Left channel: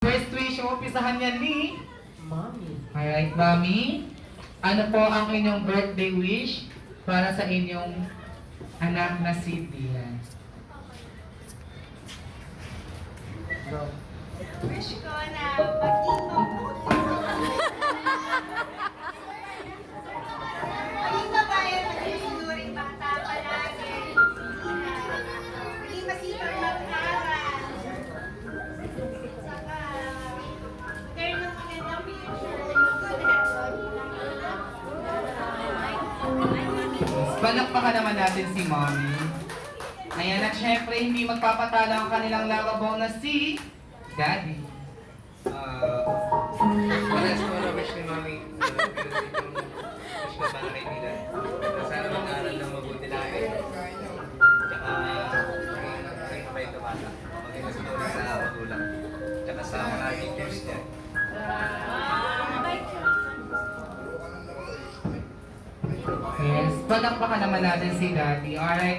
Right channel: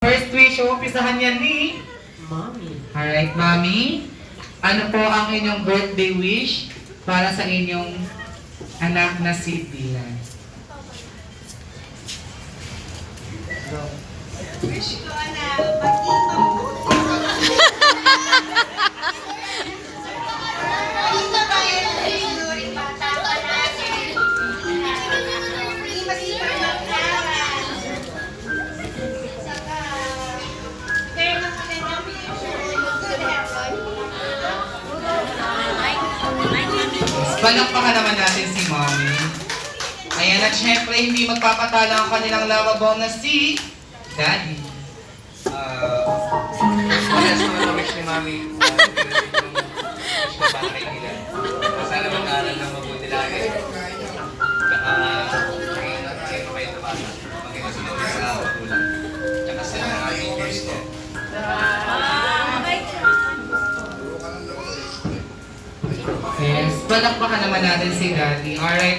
First wish, umpisahan yan ni Mommy. Alright, Mami. Ano po ang inyong birthday wish para sa inyong anak na si Dylan? Go. Wish ko na maging mabuti. Maging mabayan sa inuring bata pa natin. Maging masipag mag-aral. Saka, fair na po na yung future. Good heaven. Palakpakan naman natin si Mami. Ayan, at syempre hindi magpapatala ang kanilang lavabo na si Daddy. Parehas naman ang wish ni Mami. Wish ko para kay Dylan. Sana mag-aaral ng mabuti lagi. Tsaka, maging mabait na bata. Maging masunod sa magulang. Tsaka sa mga teachers ko. Yes, palakpakan naman natin si Daddy. Alright.